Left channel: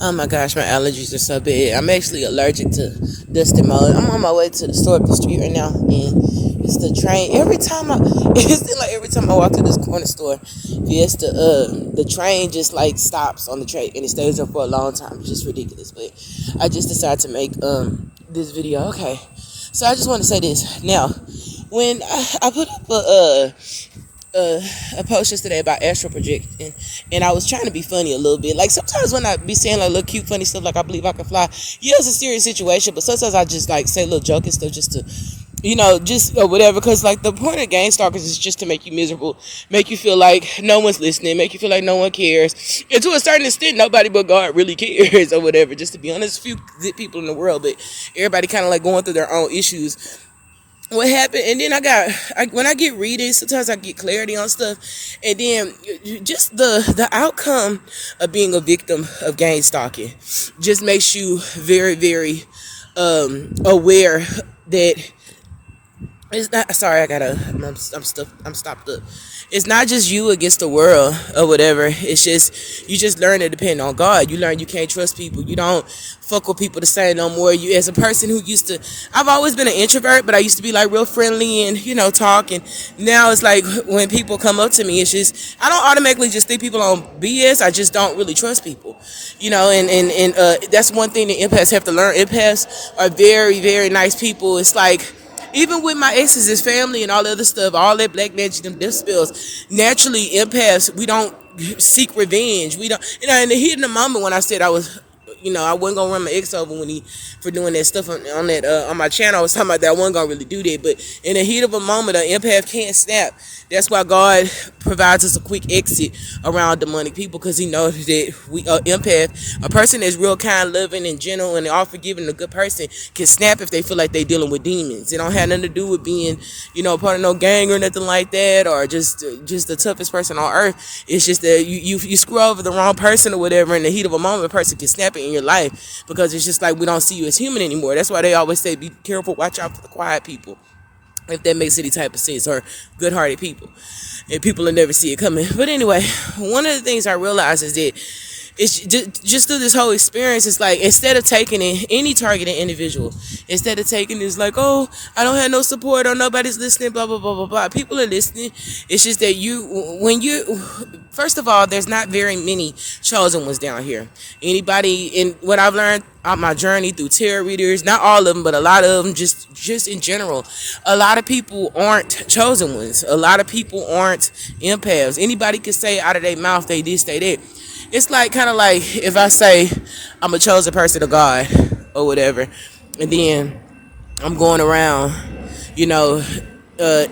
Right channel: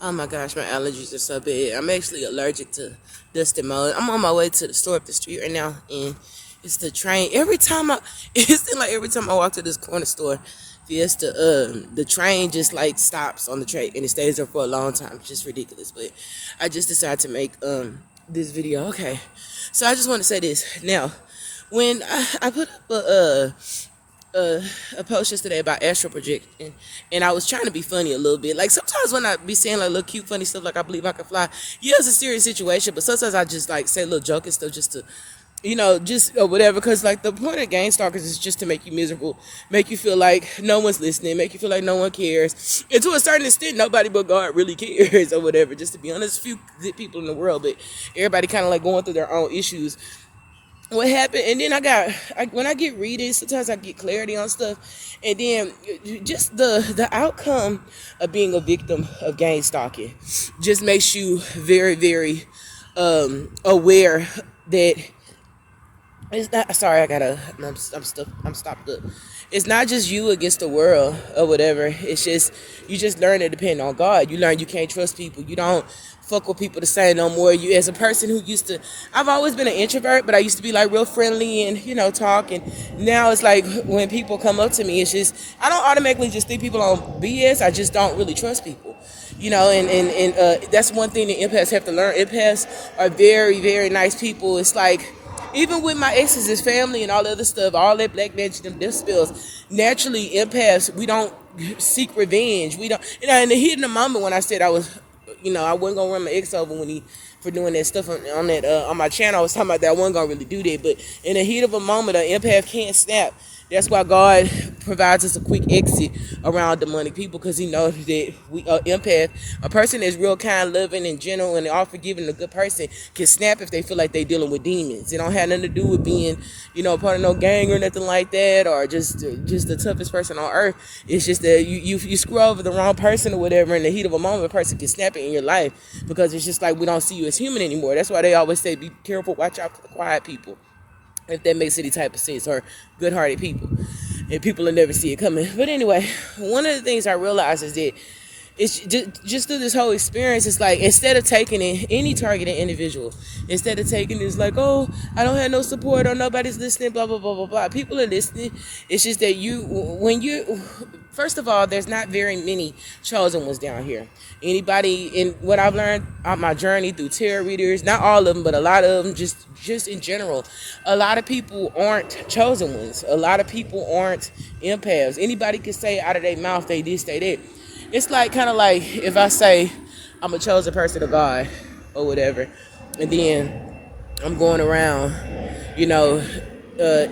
Oh my gosh, my allergies are so bad. I'm actually allergic to dust and mold. I'm on my way to the store up the street right now, and it's the train. It's like every time I walk to this corner store, the train just like stops on the train and it stays there for a long time. It's just ridiculous. But I just decided to make this video. Okay, so I just want to say this now. When I put up a post yesterday about astral projecting, and I was trying to be funny a little bit. Like sometimes when I be saying like little cute funny stuff, like I believe I can fly. Yeah, it's a serious situation, but sometimes I just like say little joking stuff just to, just or whatever. Because like the point of Gangstalkers is just to make you miserable, make you feel like no one's listening, make you feel like no one cares, and to a certain extent, nobody but God really cares or whatever. Just to be honest, few good people in the world, but everybody kind of like going through their own issues. What happened, and then when I get reading, sometimes I get clarity on stuff, and then just the outcome of being a victim of gang stalking just makes you very, very aware that it's not. Sorry, I'm stopped up. It's not just you against the world or whatever. It's just you just learn to depend on God. You learn you can't trust people. You don't fuck with people the same no more. You, as a person who used to, I've always been an introvert, but I used to be like real friendly and talk. And now it's like when people come up to me, it's just I don't automatically just think people on BS. I just don't really trust people. And that's one thing that empaths have to learn. Empaths are very, very nice people. It's like even with my exes, his family and all the other stuff, all that black magic, them death spells, naturally empaths, we don't seek revenge. We don't, in the heat of the moment when I said I was, I wasn't gonna run my ex over when he for doing that stuff on that on my channel. I was talking about that I wasn't gonna really do that, but in the heat of a moment, an empath can't snap. That's why God provides us a quick exit around demonic people, because He knows that we empath, a person that's real kind, loving, and gentle, and all forgiving, a good person can snap if they feel like they're dealing with demons. It don't have nothing to do with being, part of no gang or nothing like that, or just the toughest person on earth. It's just that you screw over the wrong person or whatever in the heat of a moment, a person can snap it in your life, because it's just like we don't see you as human anymore. That's why they always say, be careful, watch out for the quiet people, if that makes any type of sense, or good-hearted people, and people will never see it coming. But anyway, one of the things I realized is that it's just through this whole experience, it's like instead of taking it, any targeted individual, instead of taking this like, oh, I don't have no support or nobody's listening, blah blah blah blah blah. People are listening. It's just that first of all, there's not very many chosen ones down here. Anybody, in what I've learned on my journey through tarot readers, not all of them, but a lot of them, just in general, a lot of people aren't chosen ones. A lot of people aren't empaths. Anybody can say out of their mouth they this, they that. It's like kind of like if I say I'm a chosen person of God or whatever, and then I'm going around,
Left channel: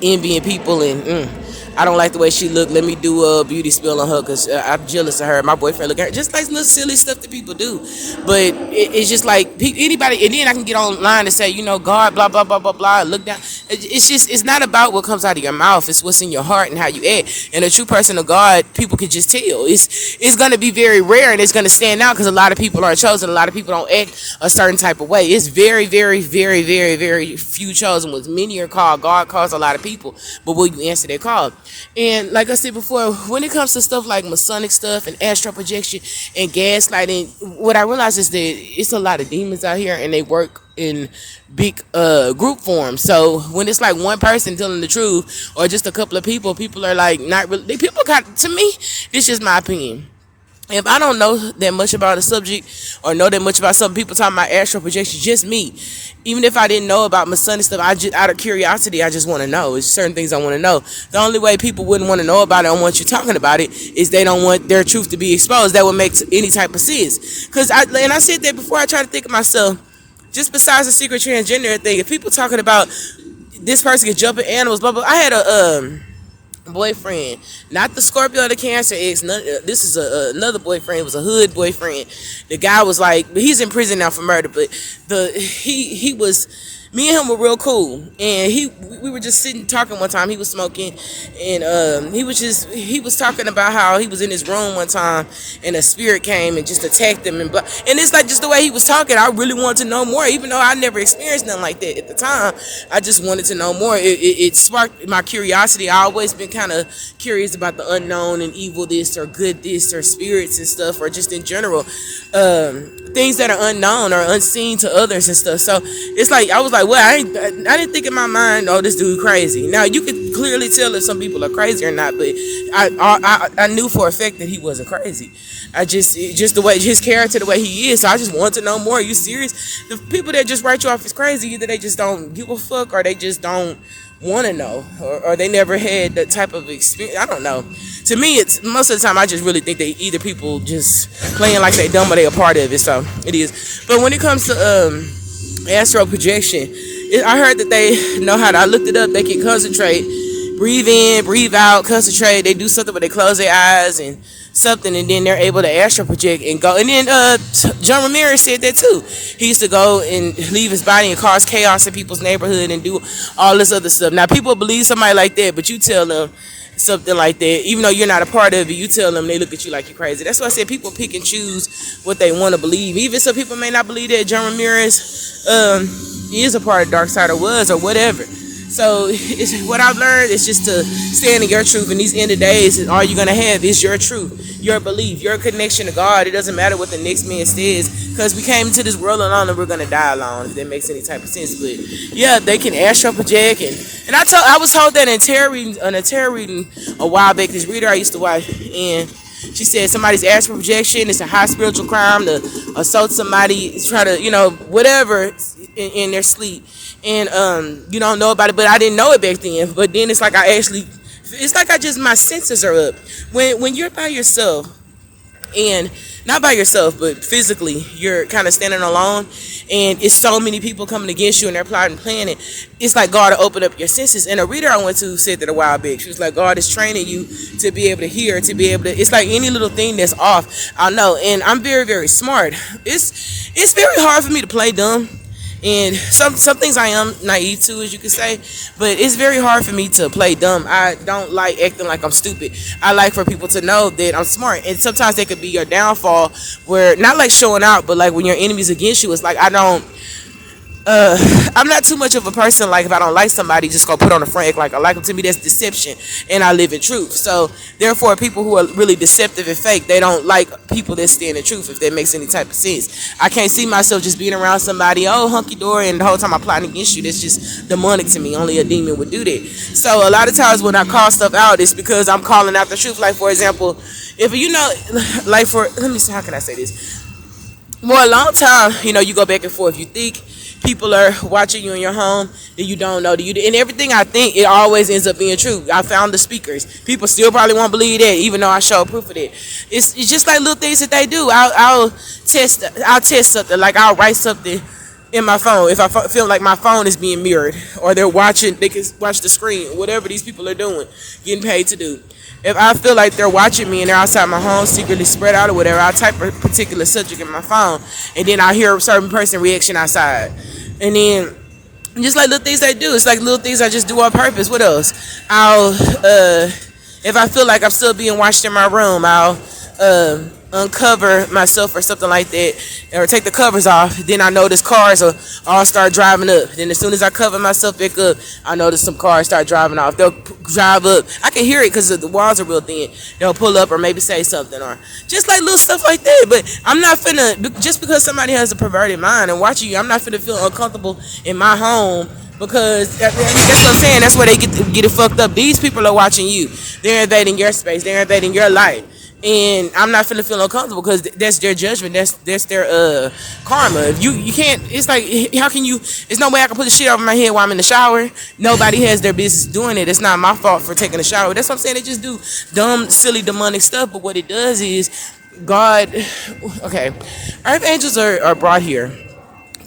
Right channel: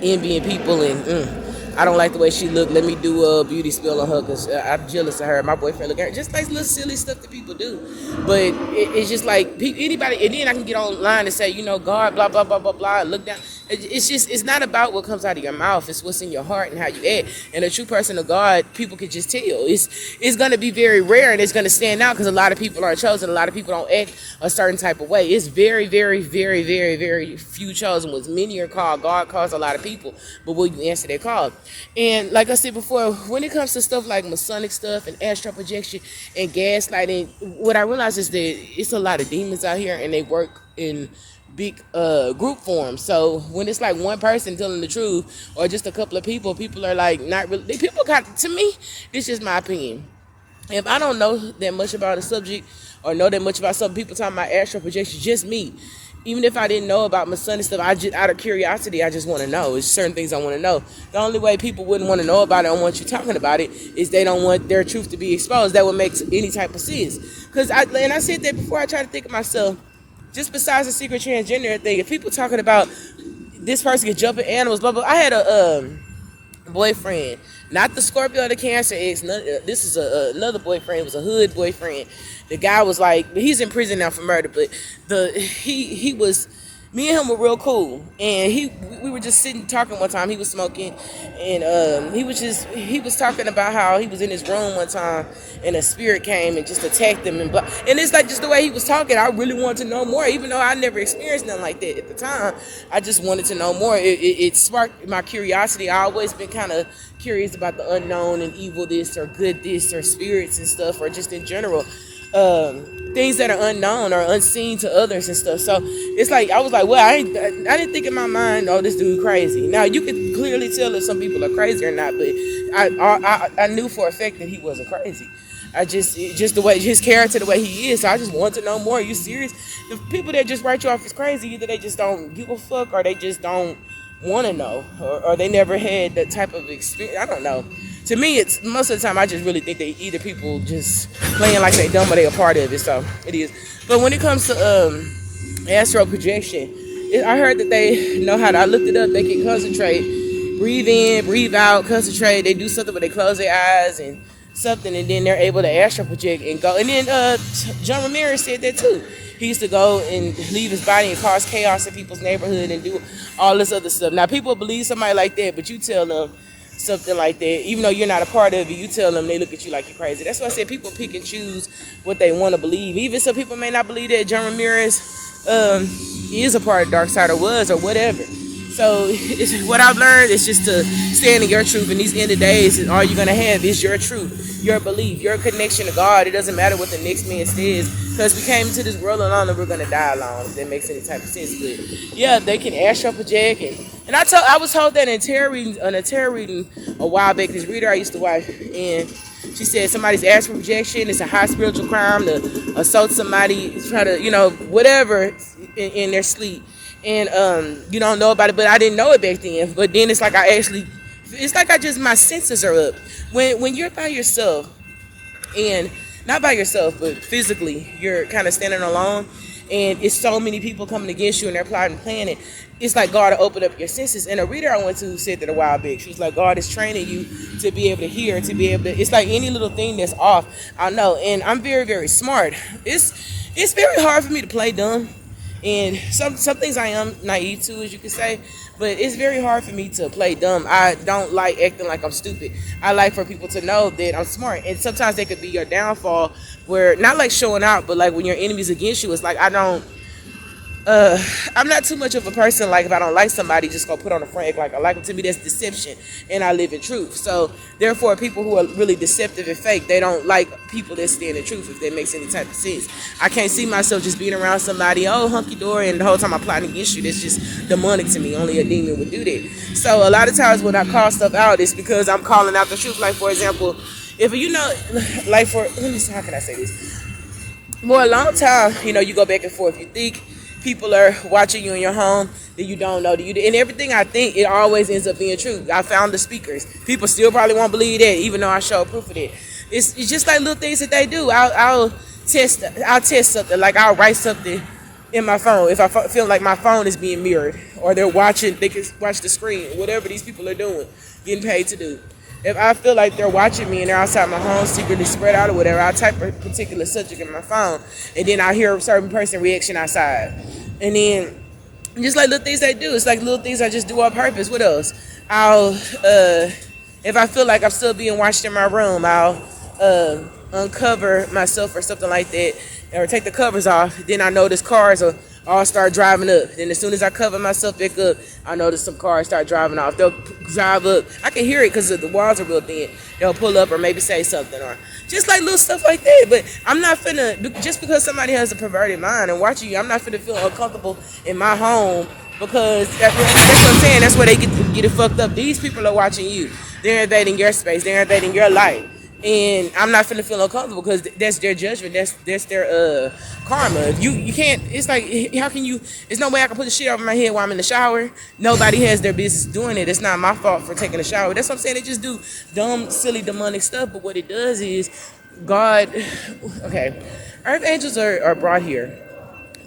envying people, and I don't like the way she look. Let me do a beauty spill on her because I'm jealous of her. My boyfriend look at her. Just like little silly stuff that people do. But it's just like anybody, and then I can get online and say, God, blah, blah, blah, blah, blah. Look down. It's not about what comes out of your mouth. It's what's in your heart and how you act. And a true person of God, people can just tell. It's going to be very rare, and it's going to stand out because a lot of people aren't chosen. A lot of people don't act a certain type of way. It's very, very, very, very, very few chosen ones. Many are called. God calls a lot of people. But will you answer their call? And like I said before, when it comes to stuff like Masonic stuff and astral projection and gaslighting, what I realize is that it's a lot of demons out here, and they work in big group form. So when it's like one person telling the truth, or just a couple of people are like not really. To me, this is my opinion. If I don't know that much about a subject or know that much about something, people talking about astral projection, just me. Even if I didn't know about Masonic stuff, I just, out of curiosity, I just want to know. It's certain things I want to know. The only way people wouldn't want to know about it and want you talking about it is they don't want their truth to be exposed. That would make any type of sense. And I said that before. I try to think of myself, just besides the secret transgender thing, if people talking about this person can jump at animals, blah, blah. I had a boyfriend, not the Scorpio or the Cancer ex. This is another boyfriend. It was a hood boyfriend. The guy was like, he's in prison now for murder, but he was Me and him were real cool, and we were just sitting talking one time. He was smoking, and he was talking about how he was in his room one time, and a spirit came and just attacked him, and it's like just the way he was talking. I really wanted to know more, even though I never experienced nothing like that at the time. I just wanted to know more. It sparked my curiosity. I always been kind of curious about the unknown and evil this or good this or spirits and stuff, or just in general, things that are unknown or unseen to others and stuff. So it's like I was like, well, I didn't think in my mind, oh, this dude crazy. Now you could clearly tell if some people are crazy or not, but I knew for a fact that he wasn't crazy. Just the way his character, the way he is. So I just wanted to know more. Are you serious? The people that just write you off as crazy, either they just don't give a fuck or they just don't want to know, or they never had that type of experience. I don't know. To me, it's most of the time I just really think they either people just playing like they dumb or they a part of it. So it is. But when it comes to astral projection, I heard that they know how to. I looked it up. They can concentrate, breathe in, breathe out, concentrate. They do something where they close their eyes and something, and then they're able to astral project and go. And then John Ramirez said that too. He used to go and leave his body and cause chaos in people's neighborhood and do all this other stuff. Now people believe somebody like that, but you tell them something like that, even though you're not a part of it, you tell them, they look at you like you're crazy. That's why I said people pick and choose what they want to believe. Even some people may not believe that John Ramirez he is a part of Dark Side or was or whatever. So what I've learned is just to stand in your truth in these end of days, and all you're going to have is your truth, your belief, your connection to God. It doesn't matter what the next man says, because we came into this world alone and we're going to die alone, if that makes any type of sense. But yeah, they can astral project, and I was told that in a tarot reading a while back. This reader I used to watch, and she said somebody's astral projection is a high spiritual crime to assault somebody, try to, whatever in their sleep. And you don't know about it, but I didn't know it back then. But then it's like my senses are up when you're by yourself, and not by yourself, but physically you're kind of standing alone, and it's so many people coming against you and they're plotting and planning. It's like God to open up your senses. And a reader I went to said that a while back. She was like, God is training you to be able to hear, to be able to. It's like any little thing that's off, I know. And I'm very, very smart. It's very hard for me to play dumb. And some things I am naive to, as you could say, but it's very hard for me to play dumb. I don't like acting like I'm stupid. I like for people to know that I'm smart. And sometimes they could be your downfall, where not like showing out, but like when your enemy's against you, it's like I'm not too much of a person, like if I don't like somebody, just go put on the front act like I like them. To me, that's deception, and I live in truth. So therefore, people who are really deceptive and fake, they don't like people that stand in truth, if that makes any type of sense. I can't see myself just being around somebody, oh, hunky-dory, and the whole time I'm plotting against you. That's just demonic to me. Only a demon would do that. So a lot of times when I call stuff out, it's because I'm calling out the truth. Like, for example, if let me see, how can I say this? For a long time, you go back and forth. You think people are watching you in your home, then you don't know. And everything I think, it always ends up being true. I found the speakers. People still probably won't believe that, even though I show proof of it. It's just like little things that they do. I'll test something. Like I'll write something in my phone if I feel like my phone is being mirrored, or they can watch the screen, whatever these people are doing, getting paid to do. If I feel like they're watching me and they're outside my home, secretly spread out or whatever, I'll type a particular subject in my phone, and then I hear a certain person reaction outside. And then just like little things they do, it's like little things I just do on purpose. What else? If I feel like I'm still being watched in my room, I'll uncover myself or something like that, or take the covers off. Then I notice cars will all start driving up. Then as soon as I cover myself back up, I notice some cars start driving off. They'll drive up. I can hear it because the walls are real thin. They'll pull up or maybe say something, or just like little stuff like that. But I'm not finna, just because somebody has a perverted mind and watching you, I'm not finna feel uncomfortable in my home, because that's what I'm saying. That's where they get it fucked up. These people are watching you. They're invading your space. They're invading your life. And I'm not finna feel uncomfortable, because that's their judgment. That's their karma. You can't. It's like, how can you? There's no way I can put the shit over my head while I'm in the shower. Nobody has their business doing it. It's not my fault for taking a shower. That's what I'm saying. They just do dumb, silly, demonic stuff. But what it does is, God. Okay, earth angels are brought here.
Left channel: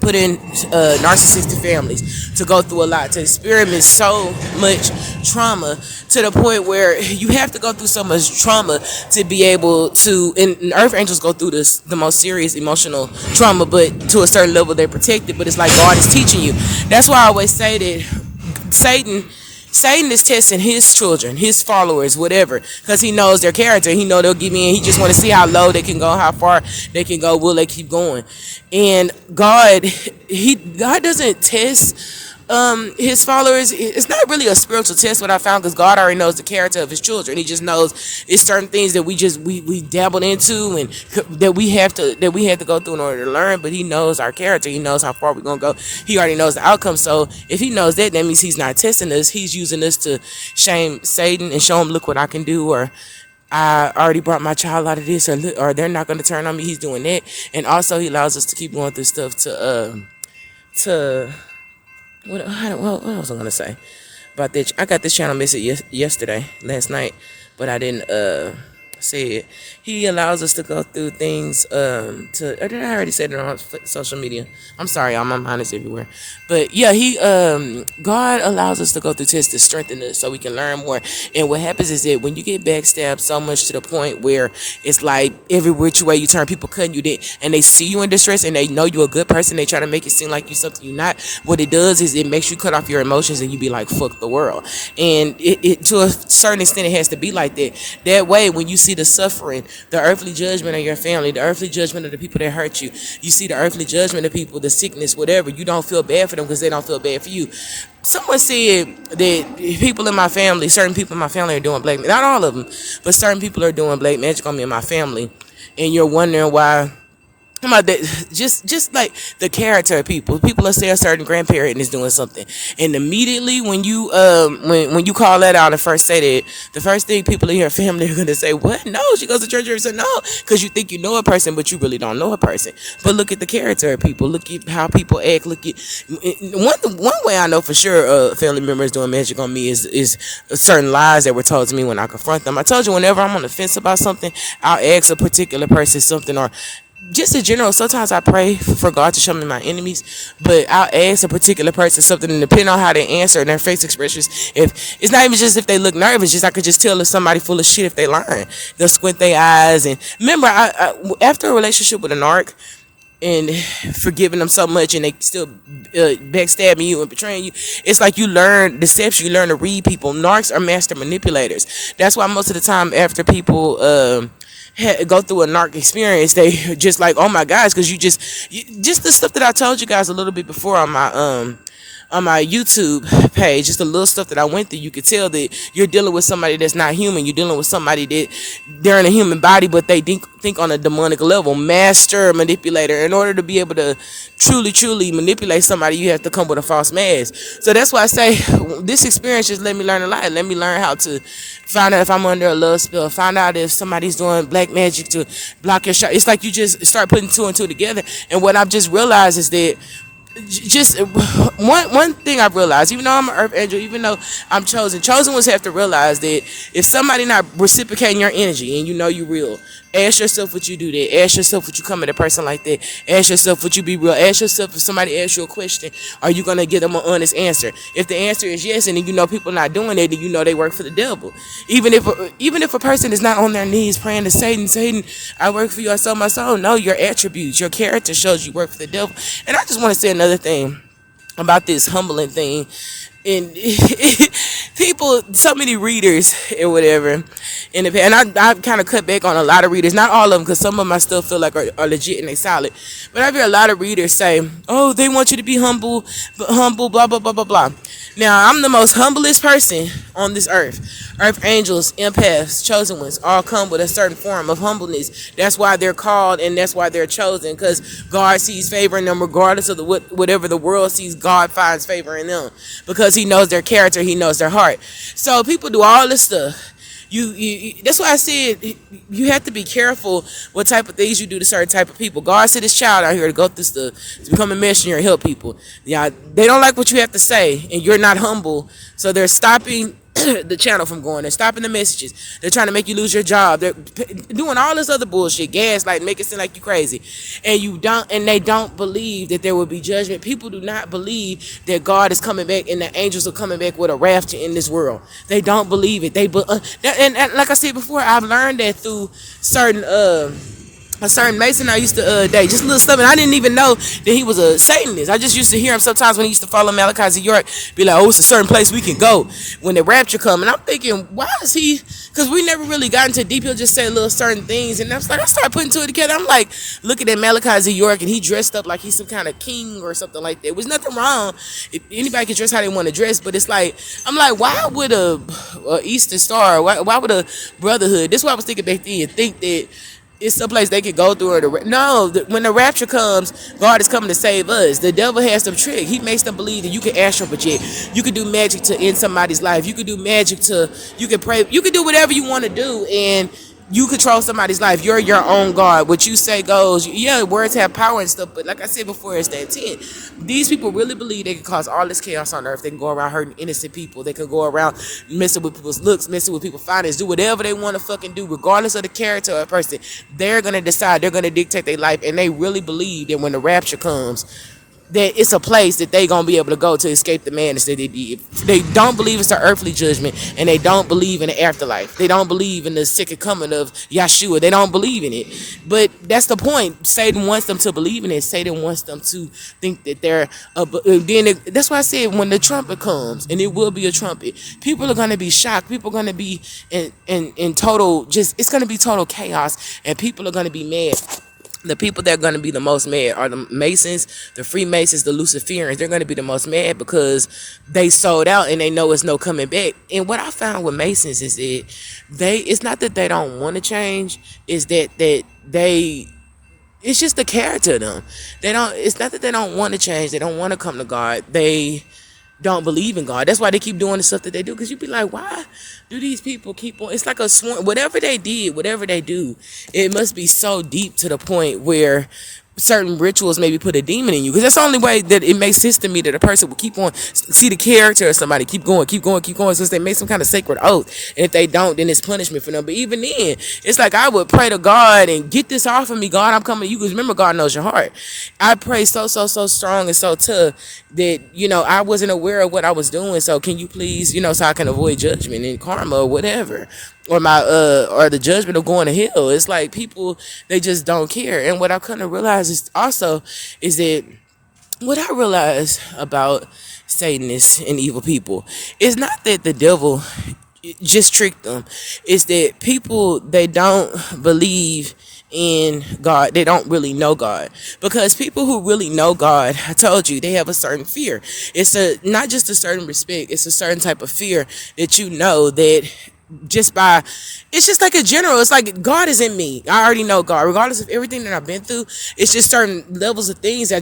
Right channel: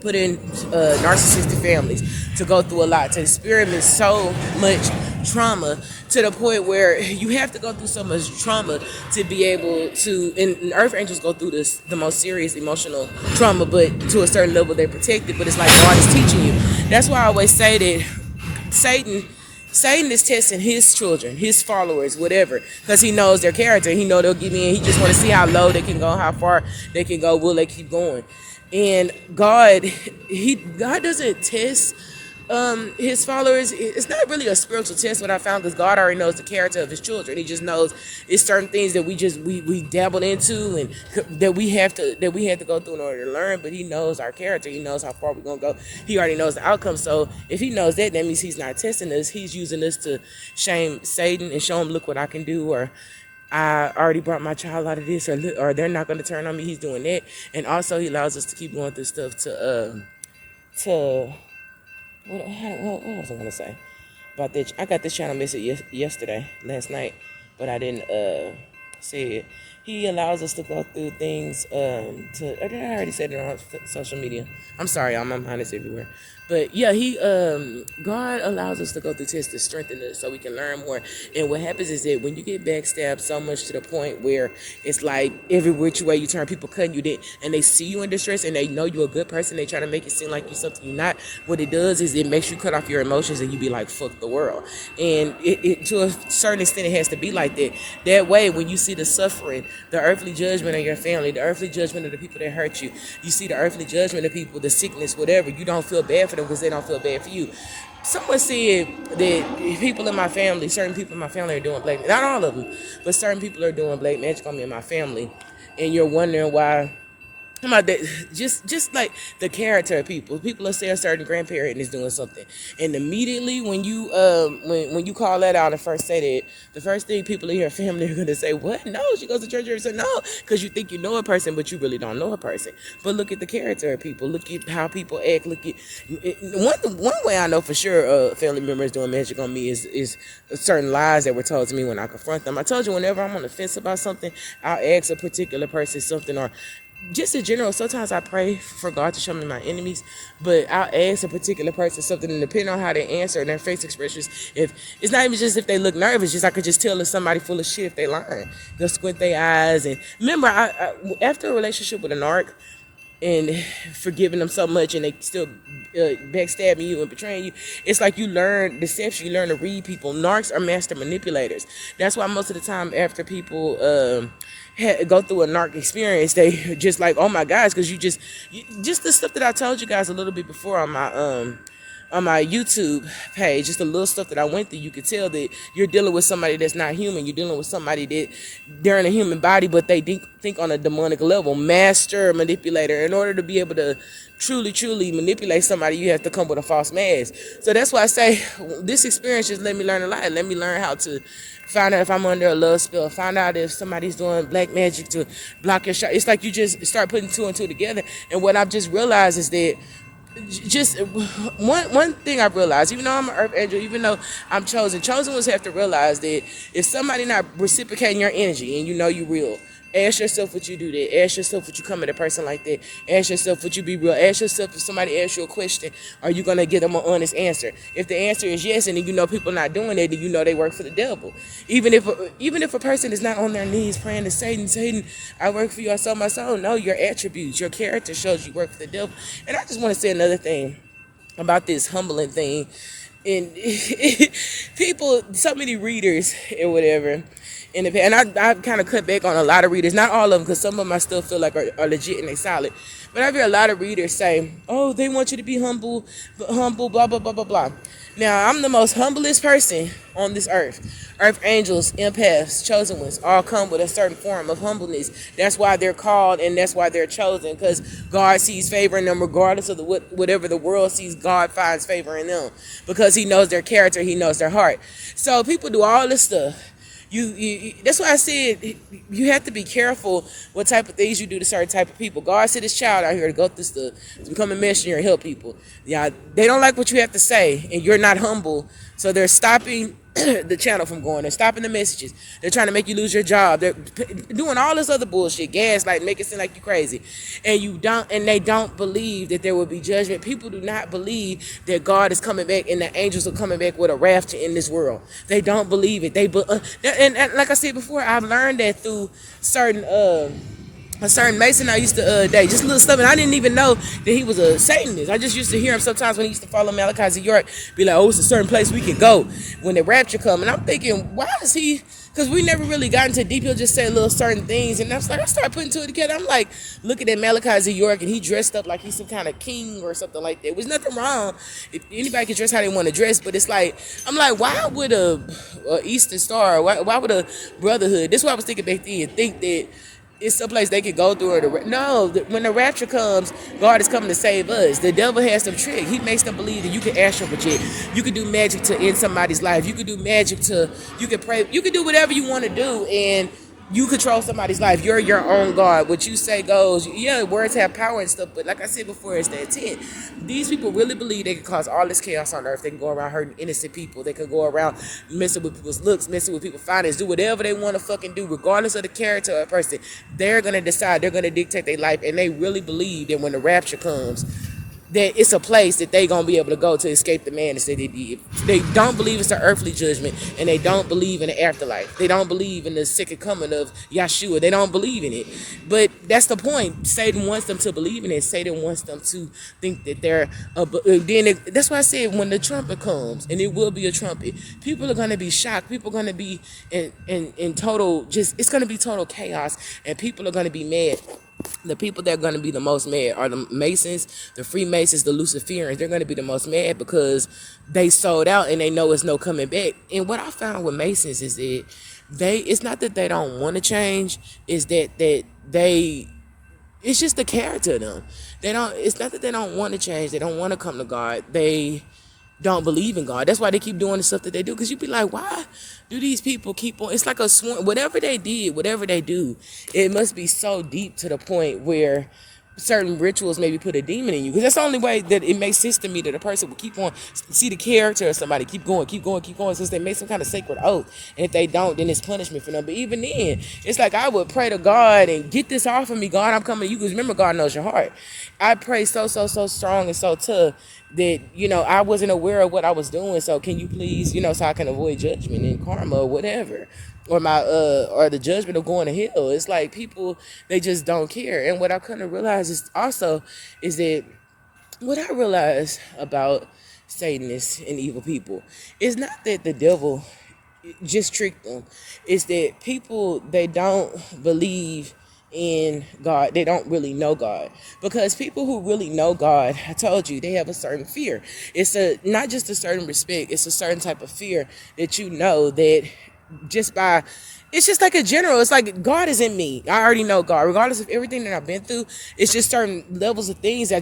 put in narcissistic families to go through a lot, to experience so much trauma to the point where you have to go through so much trauma to be able to, and earth angels go through this, the most serious emotional trauma, but to a certain level they're protected, but it's like God is teaching you. That's why I always say that Satan is testing his children, his followers, whatever, because he knows their character. He know they'll give in. He just want to see how low they can go, how far they can go, will they keep going. And God doesn't test his followers. It's not really a spiritual test, what I found, because God already knows the character of his children. He just knows it's certain things that we dabbled into, and that we have to go through in order to learn. But he knows our character. He knows how far we're gonna go. He already knows the outcome. So if he knows that, that means he's not testing us. He's using us to shame Satan and show him, look what I can do, or I already brought my child out of this, or they're not going to turn on me. He's doing that. And also he allows us to keep going through stuff to what was I gonna say about that? I got this channel message last night, but I didn't say it. He allows us to go through things I already said it on social media. I'm sorry, y'all, my mind is everywhere. But yeah, God allows us to go through tests to strengthen us so we can learn more. And what happens is that when you get backstabbed so much to the point where it's like every which way you turn, people cutting you dead, and they see you in distress and they know you're a good person, they try to make it seem like you're something you're not. What it does is it makes you cut off your emotions and you be like, fuck the world. And it to a certain extent, it has to be like that. That way, when you see the suffering, the earthly judgment of your family, the earthly judgment of the people that hurt you, you see the earthly judgment of people, the sickness, whatever, you don't feel bad for them because they don't feel bad for you. Someone said that people in my family, certain people in my family are doing black magic. Not all of them, but certain people are doing black magic on me and my family. And you're wondering why. About that, just like the character of people will say a certain grandparent is doing something, and immediately when you when you call that out and first say that, the first thing people in your family are going to say, what? No, she goes to church every Sunday. No, because you think you know a person, but you really don't know a person. But look at the character of people. Look at how people act. Look at one way I know for sure a family member is doing magic on me is certain lies that were told to me when I confront them. I told you, whenever I'm on the fence about something, I'll ask a particular person something, or just in general, sometimes I pray for God to show me my enemies, but I'll ask a particular person something, and depending on how they answer and their face expressions, if it's not even just if they look nervous, just I could just tell if somebody full of shit if they lying. They'll squint their eyes. And remember, after a relationship with a narc and forgiving them so much, and they still backstabbing you and betraying you, it's like you learn deception, you learn to read people. Narcs are master manipulators. That's why most of the time after people go through a narc experience, they just like, oh my gosh, because just the stuff that I told you guys a little bit before on my YouTube page, just the little stuff that I went through, you could tell that you're dealing with somebody that's not human. You're dealing with somebody that they're in a human body, but they think on a demonic level. Master manipulator. In order to be able to truly manipulate somebody, you have to come with a false mask. So that's why I say this experience just let me learn a lot. Let me learn how to find out if I'm under a love spell. Find out if somebody's doing black magic to block your shot. It's like you just start putting two and two together. And what I've just realized is that just one thing I've realized, even though I'm an earth angel, even though I'm chosen ones have to realize that if somebody not reciprocating your energy and you know you real, ask yourself would you do that. Ask yourself would you come at a person like that. Ask yourself would you be real. Ask yourself if somebody asks you a question, are you gonna give them an honest answer? If the answer is yes, and then you know people not doing it, then you know they work for the devil. Even if a person is not on their knees praying to Satan, I work for you, I sold my soul. No, your attributes, your character shows you work for the devil. And I just want to say another thing about this humbling thing. And people, so many readers and whatever, and I kind of cut back on a lot of readers, not all of them, because some of them I still feel like are legit and they solid. But I've heard a lot of readers say, oh, they want you to be humble, blah, blah, blah, blah, blah. Now, I'm the most humblest person on this earth. Earth angels, empaths, chosen ones, all come with a certain form of humbleness. That's why they're called, and that's why they're chosen, because God sees favor in them regardless of whatever the world sees. God finds favor in them because he knows their character, he knows their heart. So people do all this stuff. That's why I said you have to be careful what type of things you do to certain type of people. God sent his child out here to go through stuff, to become a missionary and help people. Yeah, they don't like what you have to say, and you're not humble, so they're stopping the channel from going. They're stopping the messages. They're trying to make you lose your job. They're doing all this other bullshit, gaslight, make it seem like you crazy, and they don't believe that there will be judgment. People do not believe that God is coming back and the angels are coming back with a raft in this world. They don't believe it. And like I said before, I've learned that through certain a certain Mason I used to date, just a little stuff, and I didn't even know that he was a Satanist. I just used to hear him sometimes when he used to follow Malachi Z. York, be like, oh, it's a certain place we can go when the rapture come. And I'm thinking, why is he, because we never really got into deep, he'll just say little certain things, and I was like, I started putting two it together. I'm like, looking at Malachi Z. York, and he dressed up like he's some kind of king or something like that. There was nothing wrong if anybody can dress how they want to dress, but it's like, I'm like, why would a Eastern Star, why would a Brotherhood, this is what I was thinking back then, think that it's a place they could go through. When the rapture comes, God is coming to save us. The devil has some trick. He makes them believe that you can astral project, you can do magic to end somebody's life, you can do magic to, you can pray, you can do whatever you want to do, and you control somebody's life. You're your own God. What you say goes. Yeah, words have power and stuff, but like I said before, it's the intent. These people really believe they can cause all this chaos on earth. They can go around hurting innocent people. They can go around messing with people's looks, messing with people's finances, do whatever they want to fucking do, regardless of the character of a person. They're going to decide. They're going to dictate their life, and they really believe that when the rapture comes, that it's a place that they gonna be able to go to escape the madness that they did. They don't believe it's an earthly judgment, and they don't believe in the afterlife. They don't believe in the second coming of Yeshua. They don't believe in it. But that's the point. Satan wants them to believe in it. Satan wants them to think that they're that's why I said when the trumpet comes, and it will be a trumpet, people are gonna be shocked. People are gonna be in total, just, it's gonna be total chaos, and people are gonna be mad. The people that are going to be the most mad are the Masons, the Freemasons, the Luciferians. They're going to be the most mad because they sold out and they know it's no coming back. And what I found with Masons is that it's not that they don't want to change, it's that it's just the character of them. It's not that they don't want to change, they don't want to come to God. They don't believe in God. That's why they keep doing the stuff that they do. Because you be like, why do these people keep on? It's like a swarm. Whatever they did, whatever they do, it must be so deep to the point where certain rituals maybe put a demon in you, because that's the only way that it makes sense to me that a person will keep on, see the character of somebody, keep going since they make some kind of sacred oath, and if they don't, then it's punishment for them. But even then, it's like I would pray to God and get this off of me. God, I'm coming to you, because remember, God knows your heart. I pray so strong and so tough that I wasn't aware of what I was doing, so can you please, so I can avoid judgment and karma or whatever, or or the judgment of going to hell. It's like people, they just don't care. And what I couldn't realize is that what I realize about Satanists and evil people is not that the devil just tricked them. It's that people, they don't believe in God. They don't really know God, because people who really know God, I told you, they have a certain fear. It's not just a certain respect, it's a certain type of fear that that it's just like a general, it's like God is in me. I already know God, regardless of everything that I've been through. It's just certain levels of things I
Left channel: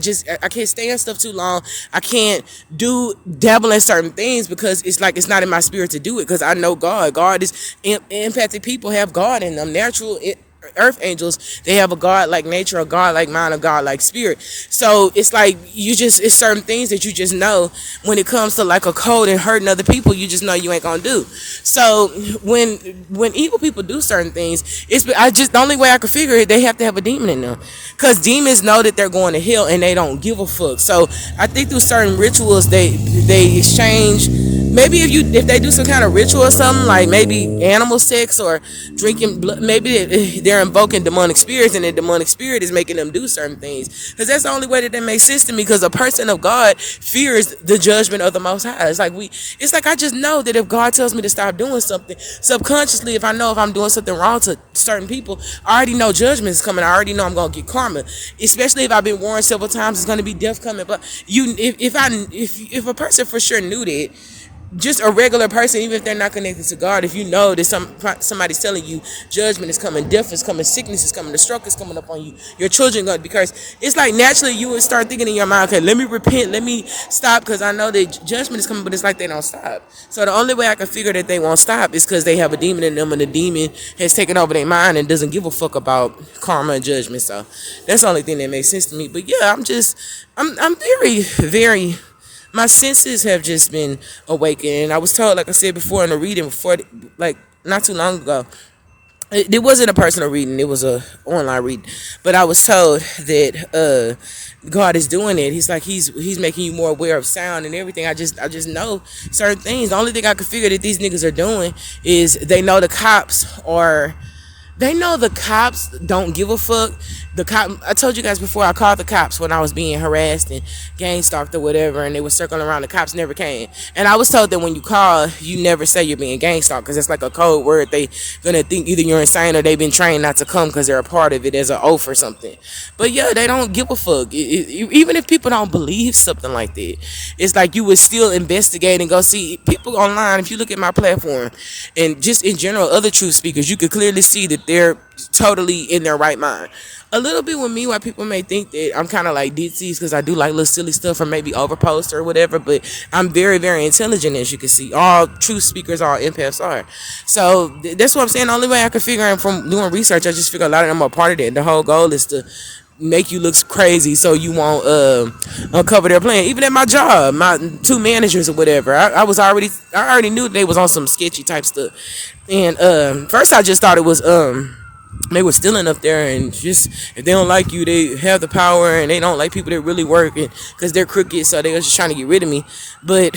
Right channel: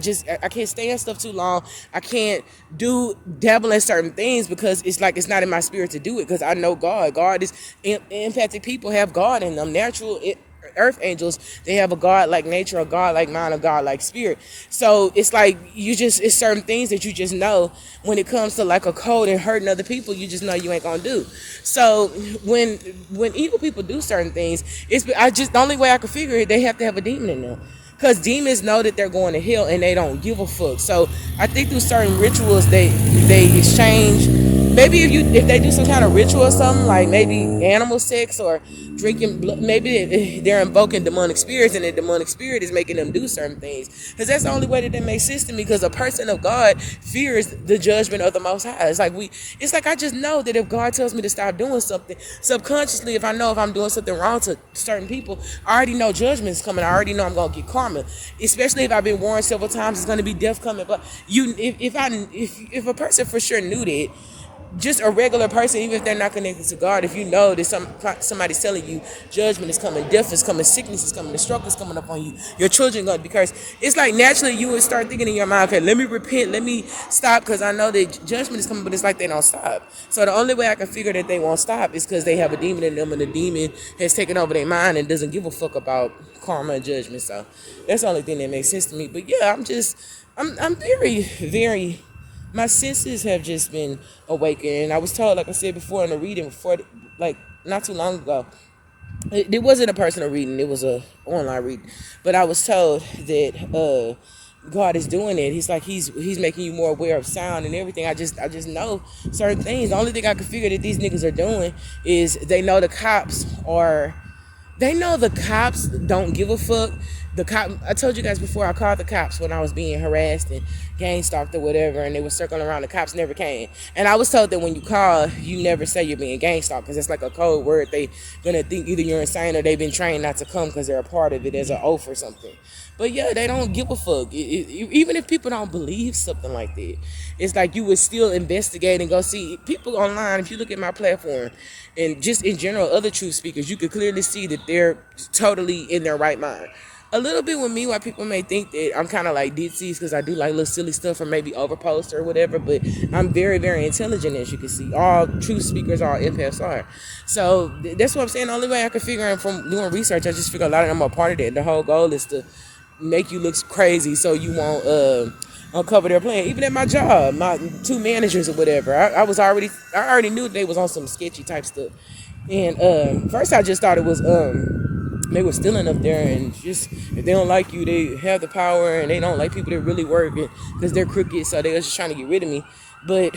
can't stay on stuff too long. I can't dabble in certain things because it's like it's not in my spirit to do it, because I know God is empathic people have God in them. Natural earth angels, they have a God-like nature, a God-like mind, a God-like spirit. So it's like it's certain things that you just know when it comes to like a code and hurting other people, you just know you ain't gonna do. So when evil people do certain things, the only way I could figure it, they have to have a demon in them, because demons know that they're going to hell and they don't give a fuck. So I think through certain rituals they exchange. Maybe if they do some kind of ritual or something, like maybe animal sex or drinking blood, maybe they're invoking demonic spirits, and the demonic spirit is making them do certain things. Because that's the only way that makes sense to me, because a person of God fears the judgment of the Most High. It's like I just know that if God tells me to stop doing something, subconsciously, if I'm doing something wrong to certain people, I already know judgment is coming. I already know I'm going to get karma. Especially if I've been warned several times it's going to be death coming. But if a person for sure knew that, just a regular person, even if they're not connected to God, if you know that somebody's telling you judgment is coming, death is coming, sickness is coming, the stroke is coming up on you, your children going to be cursed, it's like naturally you would start thinking in your mind, okay, let me repent, let me stop, because I know that judgment is coming. But it's like they don't stop. So the only way I can figure that they won't stop is because they have a demon in them, and the demon has taken over their mind and doesn't give a fuck about karma and judgment. So that's the only thing that makes sense to me. But yeah, I'm very, very my senses have just been awakened. And I was told, like I said before in the reading before, like not too long ago, it wasn't a personal reading, it was a online reading, but I was told that God is doing it. He's like he's making you more aware of sound and everything. I just know certain things. The only thing I could figure that these niggas are doing is they know the cops don't give a fuck. I told you guys before, I called the cops when I was being harassed and gang stalked or whatever, and they were circling around. The cops never came. And I was told that when you call, you never say you're being gang stalked, because it's like a code word. They gonna think either you're insane or they've been trained not to come because they're a part of it as an oath or something. But yeah, they don't give a fuck. Even if people don't believe something like that, it's like you would still investigate and go see people online. If you look at my platform and just in general other truth speakers, you could clearly see that they're totally in their right mind. A little bit with me, why people may think that I'm kind of like ditzy, because I do like little silly stuff or maybe overpost or whatever, but I'm very, very intelligent, as you can see. All truth speakers, all empaths are. So that's what I'm saying. The only way I can figure out from doing research, I just figure a lot of them are part of that. The whole goal is to make you look crazy so you won't uncover their plan. Even at my job, my two managers or whatever, I already knew they was on some sketchy type stuff. And first I just thought it was they were stealing up there, and just if they don't like you, they have the power, and they don't like people that really work, because they're crooked, so they were just trying to get rid of me. But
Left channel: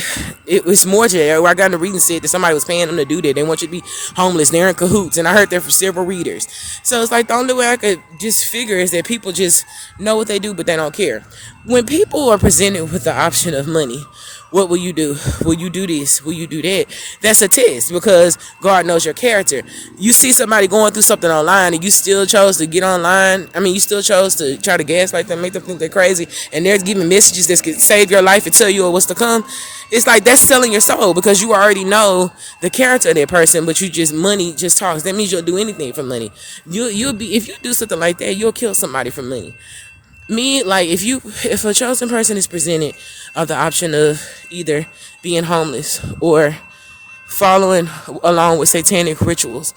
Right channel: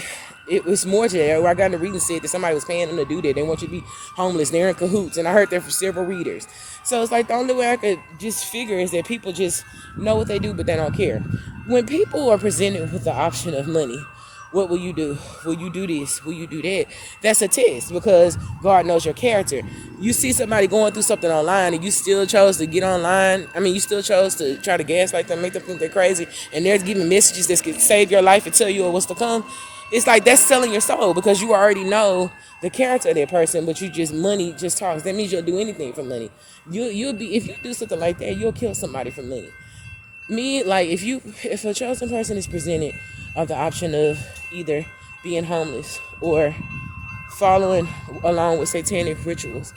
it was more to that. Where I got in the reading said that somebody was paying them to do that. They want you to be homeless. They're in cahoots, and I heard that from several readers. So it's like the only way I could just figure is that people just know what they do, but they don't care. When people are presented with the option of money, what will you do? Will you do this? Will you do that? That's a test, because God knows your character. You see somebody going through something online and you still chose to get online. I mean, you still chose to try to gaslight them, make them think they're crazy, and they're giving messages that could save your life and tell you what's to come. It's like that's selling your soul, because you already know the character of that person, but money just talks. That means you'll do anything for money. You'll be, if you do something like that, you'll kill somebody for money. Me, like, if a chosen person is presented of the option of either being homeless or following along with satanic rituals,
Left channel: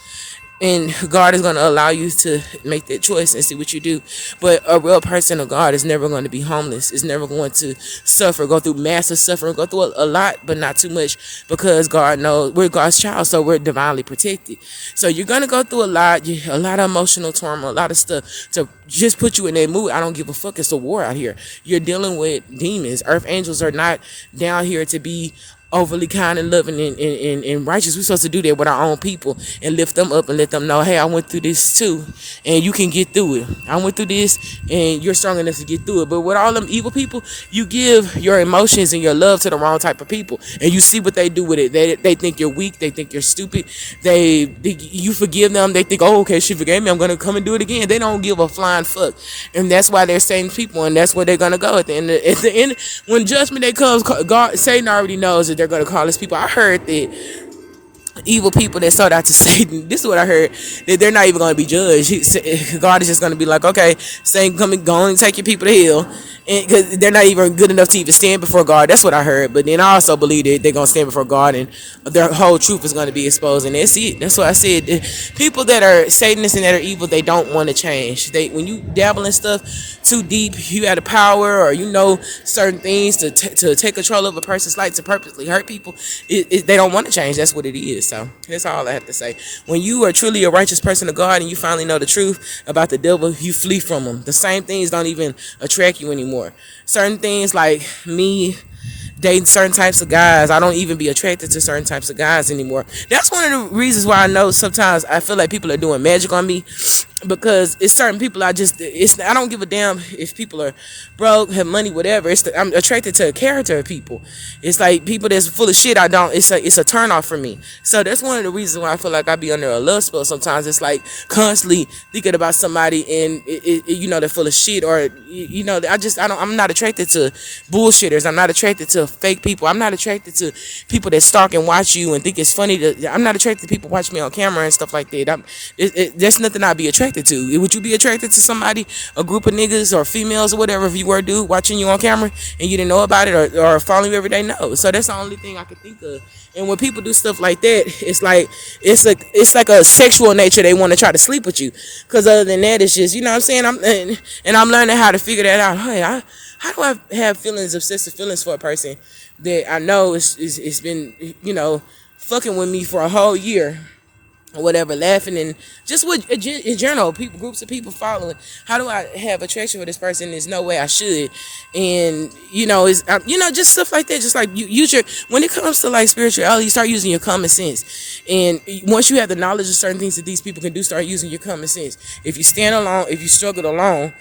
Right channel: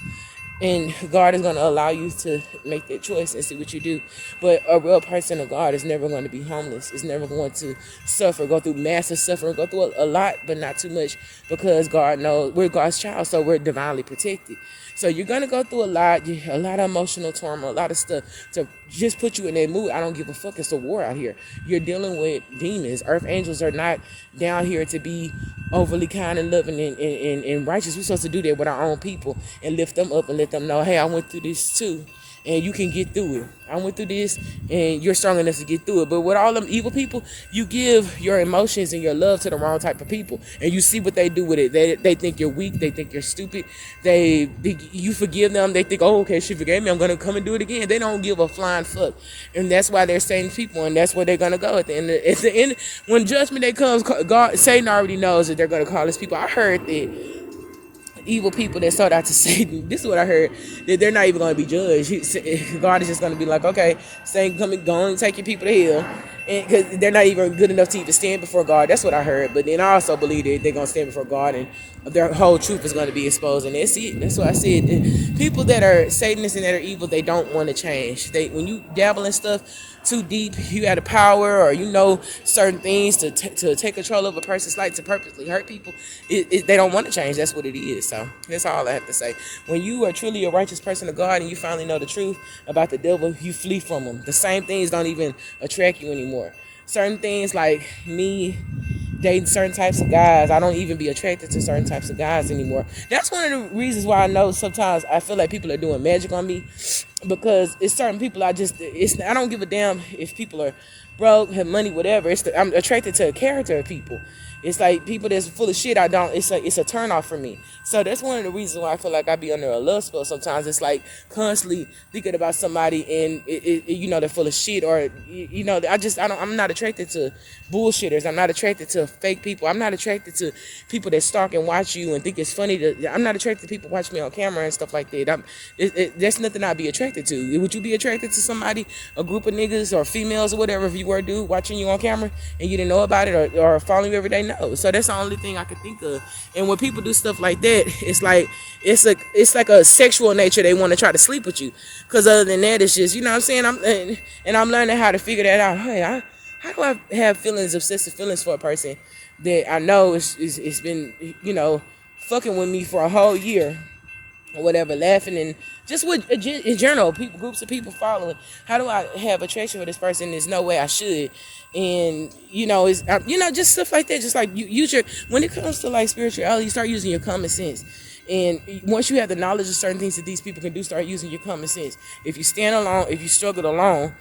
and God is going to allow you to make that choice and see what you do. But a real person of God is never going to be homeless. Is never going to suffer, go through massive suffering, go through a lot, but not too much, because God knows we're God's child, so we're divinely protected. So you're going to go through a lot of emotional turmoil, a lot of stuff to just put you in that mood. I don't give a fuck. It's a war out here. You're dealing with demons. Earth angels are not down here to be overly kind and loving and righteous. We're supposed to do that with our own people and lift them up and let them know, hey, I went through this too, and you can get through it. I went through this, and you're strong enough to get through it. But with all them evil people, you give your emotions and your love to the wrong type of people, and you see what they do with it. They think you're weak. They think you're stupid. You forgive them. They think, oh, okay, she forgave me, I'm gonna come and do it again. They don't give a flying fuck, and that's why they're Satan people, and that's where they're gonna go at the end. At the end, when judgment day comes, Satan already knows that they're gonna call his people. I heard that evil people that sold out to Satan, this is what I heard, that they're not even going to be judged. God is just going to be like, okay, Satan, come and go and take your people to hell, because they're not even good enough to even stand before God. That's what I heard. But then I also believe that they're going to stand before God, and their whole truth is going to be exposed, and that's it. That's what I said. People that are Satanists and that are evil, they don't want to change. When you dabble in stuff too deep, you have the power, or you know certain things to take control of a person's life, to purposely hurt people, they don't want to change. That's what it is. So that's all I have to say. When you are truly a righteous person of God and you finally know the truth about the devil, you flee from him. The same things don't even attract you anymore. Certain things, like me dating certain types of guys, I don't even be attracted to certain types of guys anymore. That's one of the reasons why I know sometimes I feel like people are doing magic on me, because it's certain people I don't give a damn if people are broke, have money, whatever. I'm attracted to the character of people. It's like people that's full of shit. It's a turn off for me. So that's one of the reasons why I feel like I be under a love spell sometimes. It's like constantly thinking about somebody, and they're full of shit, or I'm not attracted to bullshitters. I'm not attracted to fake people. I'm not attracted to people that stalk and watch you and think it's funny. I'm not attracted to people watch me on camera and stuff like that. There's nothing I'd be attracted to. Would you be attracted to somebody, a group of niggas or females or whatever, if you were a dude watching you on camera and you didn't know about it, or following you every day? No. So that's the only thing I could think of. And when people do stuff like that, it's like a sexual nature. They want to try to sleep with you, because other than that, it's just, you know what I'm saying, I'm learning how to figure that out. Hey, how do I have obsessive feelings for a person, that I know it's been, fucking with me for a whole year or whatever, laughing and just with in general, people, groups of people following. How do I have attraction for this person? There's no way I should, and it's just stuff like that. Just like you use your, when it comes to like spirituality, you start using your common sense, and once you have the knowledge of certain things that these people can do, start using your common sense. If you stand alone, if you struggled alone,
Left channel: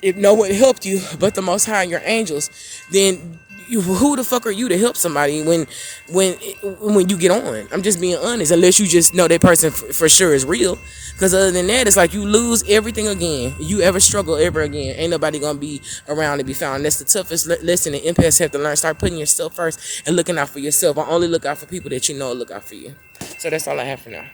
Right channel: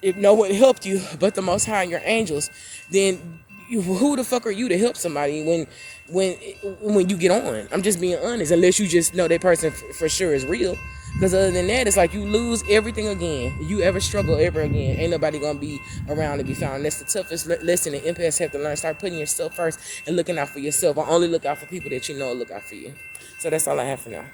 if no one helped you but the Most High and your angels, then who the fuck are you to help somebody when you get on? I'm just being honest. Unless you just know that person for sure is real, because other than that, it's like you lose everything again. You ever struggle ever again, ain't nobody gonna be around to be found. That's the toughest lesson that empaths have to learn. Start putting yourself first and looking out for yourself. I only look out for people that you know look out for you. So that's all I have for now.